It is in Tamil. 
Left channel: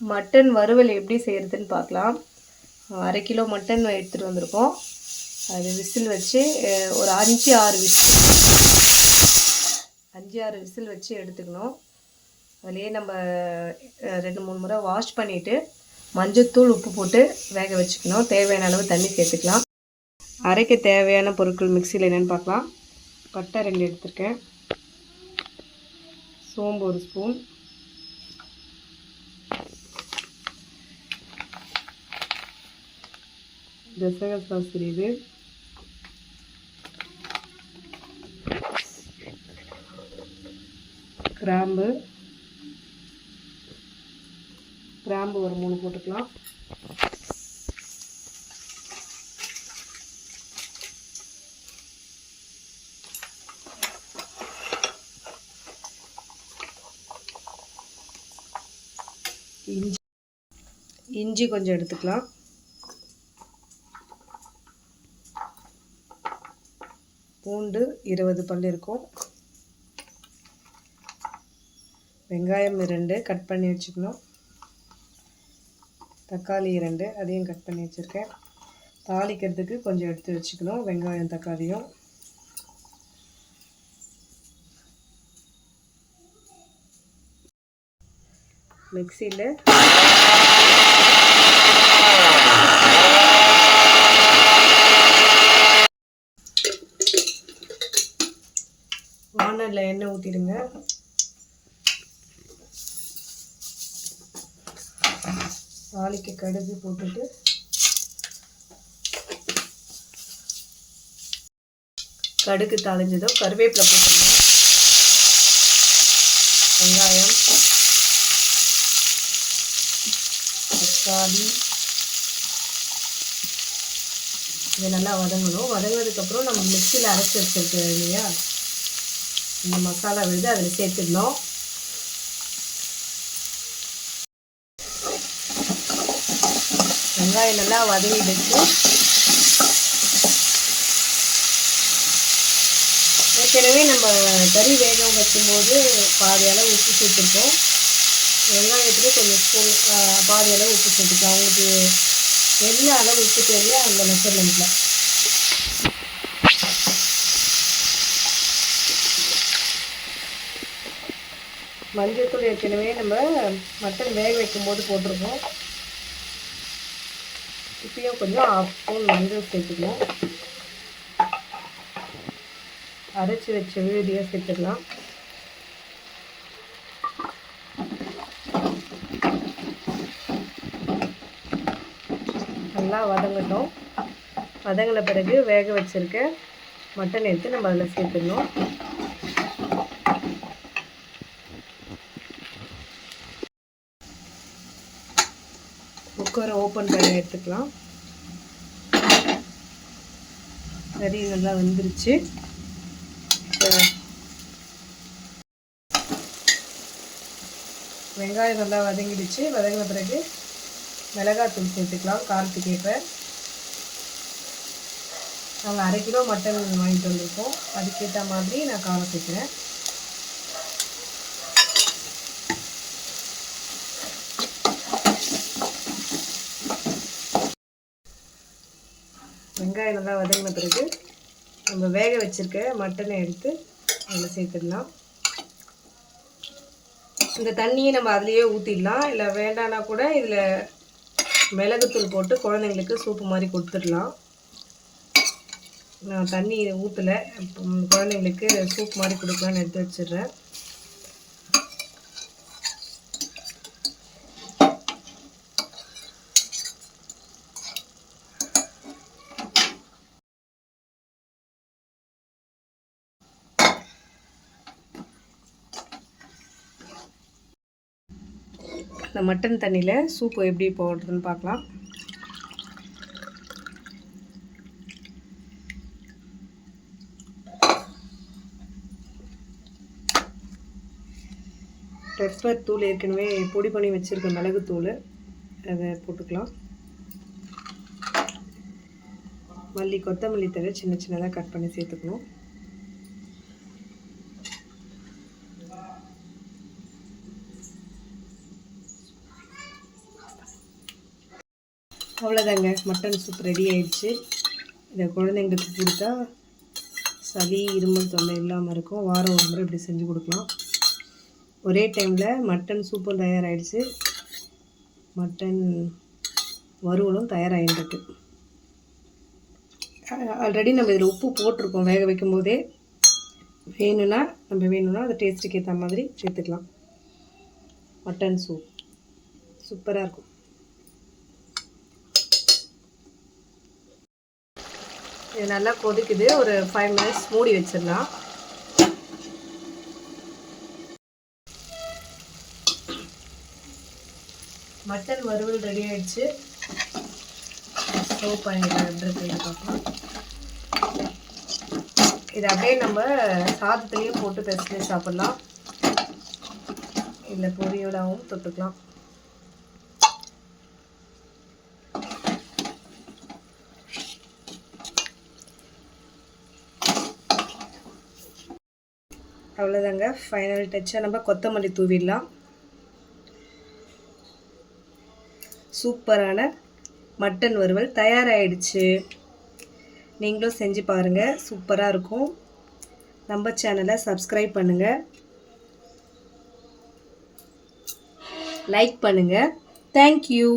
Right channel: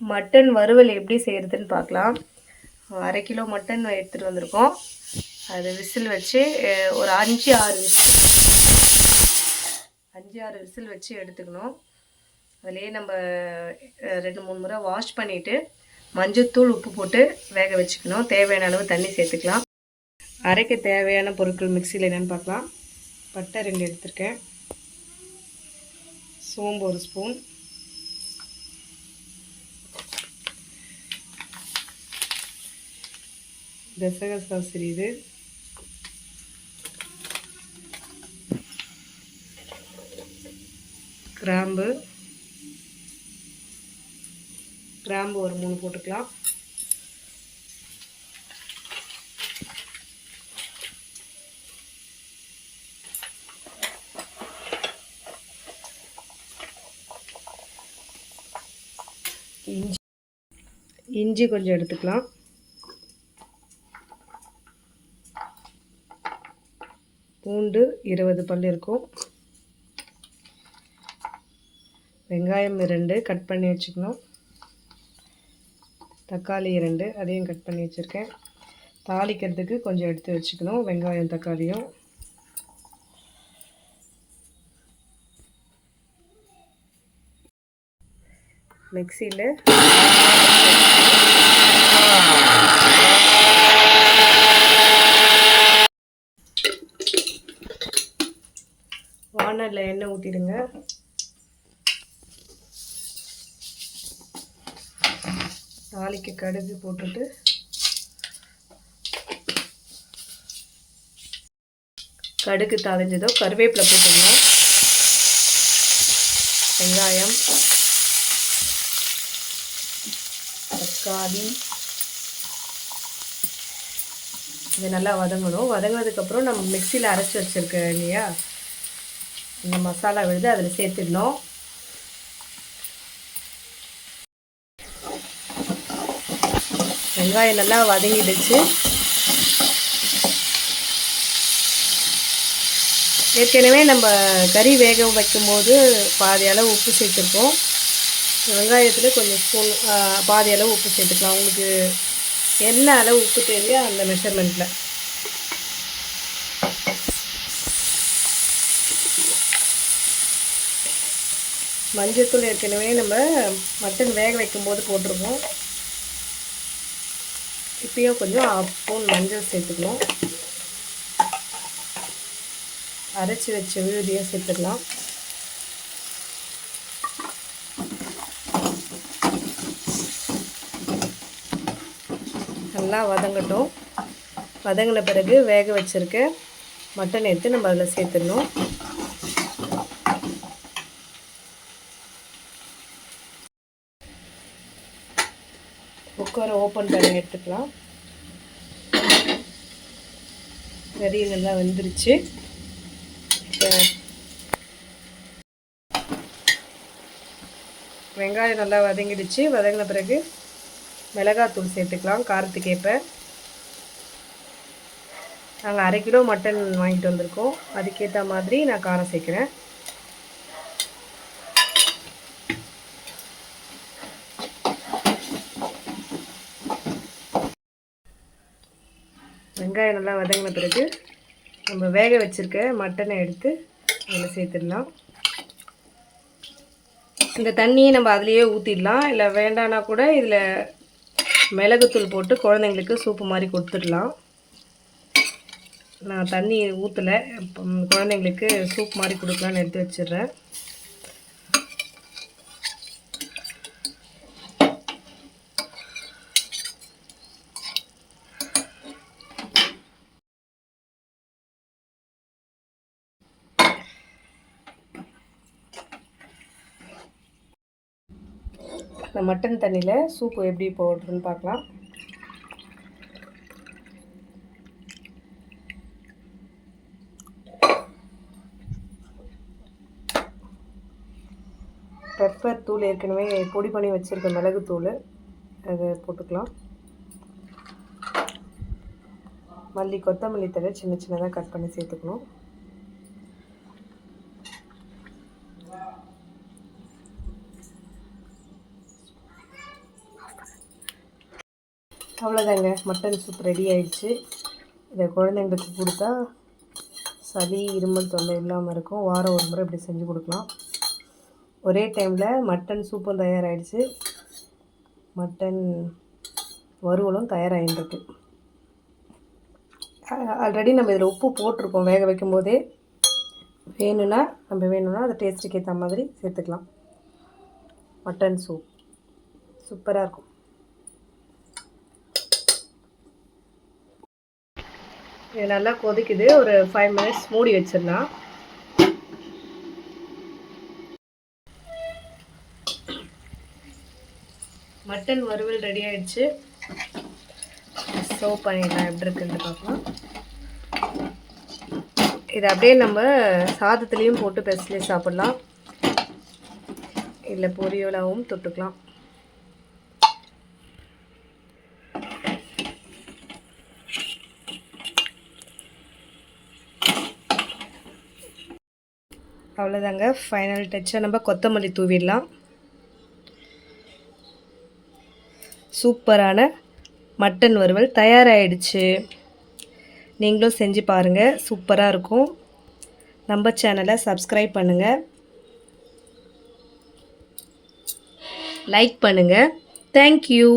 மட்டன் வறுவல் எப்படி செய்கிறதுன்னு பார்க்கலாம். 1/2 கிலோ மட்டன் எடுத்துகிட்டு வந்திருக்கோம். அது விசில் வச்சு ஒரு 5-6 விசில் வச்சு எடுத்துக்கணும். அதுலேயே நம்ம 2-3 முறை வாஷ் பண்ணிவிட்டு மஞ்சள்தூள் உப்பு போட்டு வேக வச்சுக்கணும். தேவையான அளவு தண்ணி சேர்த்துக்கலாம். அரைக்க தேவையான பொருட்கள் மிக்சியில் என்னென்னு பார்க்கலாம். பட்டை 2 எடுத்துருக்கேன், சோம்பு 1 ஸ்பூன், கசகசா சிறிது, கிராம்பு ஒரு 3 போட்டுக்கலாம். இஞ்சி கொஞ்சம் எடுத்துக்கலாம். பூண்டு 20 பல் இருக்கும். வெங்காயம் 2 கட் பண்ணி வச்சுக்கணும். தக்காளி 2 அதையும் கட் பண்ணி வச்சுருக்கேன். தாளிக்கிறதுக்கு கொஞ்சம் எடுத்து வச்சுக்கணும், வெங்காயம் தக்காளியும். மிக்சியில் வானலில் எண்ணெய் ஊற்றிடுங்க. தாளிக்கு கடுகு போட்டுட்டு கடுகு தாளிஞ்சதும் கருவேப்பிலை போட்டுடலாம். வெங்காயம், தக்காளி இது நல்லா வதங்கணும். வதங்கினதுக்கப்புறம் நம்ம மிக்சியில் அரைச்சி வச்சுருக்க இல்லையா இந்த மசாலா விழுது அதில் சேர்த்துடணும். வெங்காயம் நல்லா வதங்கிடுச்சு. ஏற்கனவே நம்ம கறி வேக வைக்கும்போது பாதி அளவு உப்பு சேர்த்துருக்கோம். வெங்காயத்தில் கொஞ்சம் ஸ்பூன் பாதி அளவு உப்பு சேர்த்துக்கலாம். உங்களுக்கு என்ன அளவு உப்பு தேவையோ அந்த மெஷர்மெண்ட்டில். மஞ்சள்தூள் ஏற்கனவே நம்ம மட்டன் வேக வைக்கும்போது போட்டிருக்கோம். இப்பயும் கொஞ்சம் 1/2 ஸ்பூன் மஞ்சள் சேர்த்துக்கலாம். அரைச்சி வச்ச விழுதியை சேர்த்துக்கலாம். நல்லா வதங்கட்டும். வதங்கின பிறகு வேக வச்சுருக்க மட்டன் எடுத்து நம்ம அதில் சேர்த்துடணும். குக்கரை ஓப்பன் பண்ணி எடுத்துக்கலாம். கறி நல்லா வந்துருச்சு. வெங்காயம் நல்லா வதங்கிடுச்சு. வதங்கின பிறகு மிளகாத்தூள் சேர்த்துக்கலாம் காரத்துக்கு ஏற்ப. நாங்கள் 1/2 கிலோ மட்டன் வாங்கிட்டு வந்திருக்கோம். அதுக்கேற்ற மாதிரி நான் காரம் சேர்க்குறேன். வெங்காயம் நல்லா வதங்கின பிறகு நம்ம வேக வச்சுருக்க மட்டனை எடுத்து அதில் சேர்த்துடலாம். இந்த தண்ணியை நம்ம அதிலேயே ஊற்றிடலாம். இல்லை வேண்டான்னா கூட இதில் மிளகுத்தூள் போட்டு குழந்தைங்களுக்கு சூப்பு மாதிரி கொடுத்துடலாம். நான் தண்ணி ஊற்றலை, குழந்தைங்களுக்கு சூப் மாதிரி கொடுக்கலான்னு எடுத்து வச்சிடுறேன். இந்த மட்டன் தண்ணியில் சூப்பு எப்படி போடுறதுன்னு பார்க்கலாம். பெப்பர் தூள் ஏற்கனவே பொடி பண்ணி வச்சுருக்க மிளகுத்தூள் அதை போட்டுக்கலாம். மல்லி கொத்தமல்லி தழை சின்ன சின்னதாக கட் பண்ணி சேர்த்துக்கணும். அவ்வளோதாங்க, மட்டன் சூப் ரெடி ஆயிடுச்சு. இதை குழந்தைங்களுக்கு கொடுத்தா சளி இருமல் தொல்லை இல்லாமல் இருக்கும். வாரம் ஒரு முறை இப்படி செஞ்சு கொடுக்கலாம். ஒரே டைமில் மட்டன் சூப்பும் தயாராகிடுச்சு, மட்டன் வறுவலும் தயாராகிருக்கு. ஆல்ரெடி நம்ம இதில் உப்பு போட்டிருக்கோம் வேக வைக்கும் போதே. வேணும்னா அந்த டேஸ்ட்டுக்கு ஏற்ற மாதிரி சேர்த்துக்கலாம். மட்டன் சூப் சூப்பராக இருக்கும். இது நல்லா கொதிக்குது. ஒரு 5 மினிட்ஸ் மூடி வச்சிடலாம். மட்டன் வறுவல் ரெடி ஆயிடுச்சு. சர்வ் பண்ணிடலாம். எப்படி இருக்குன்னு பார்க்கலாம். இதை அப்படியே நம்ம சாதத்துலேயும் போட்டு பெசலே சாப்பிட்லாம், இல்லை பொரியலாகவும் தொட்டுக்கலாம். அவ்வளோதாங்க, ஃபைனல் டச்சை நம்ம கொத்தமல்லி தூவிடலாம். சூப்பரான மட்டன் வறுவல் தயாராகிடுச்சு. நீங்களும் செஞ்சு பாருங்கள், சூப்பராக இருக்கும். நம்ம சேனலை சப்ஸ்கிரைப் பண்ணுங்கள், லைக் பண்ணுங்கள். தேங்க்யூ.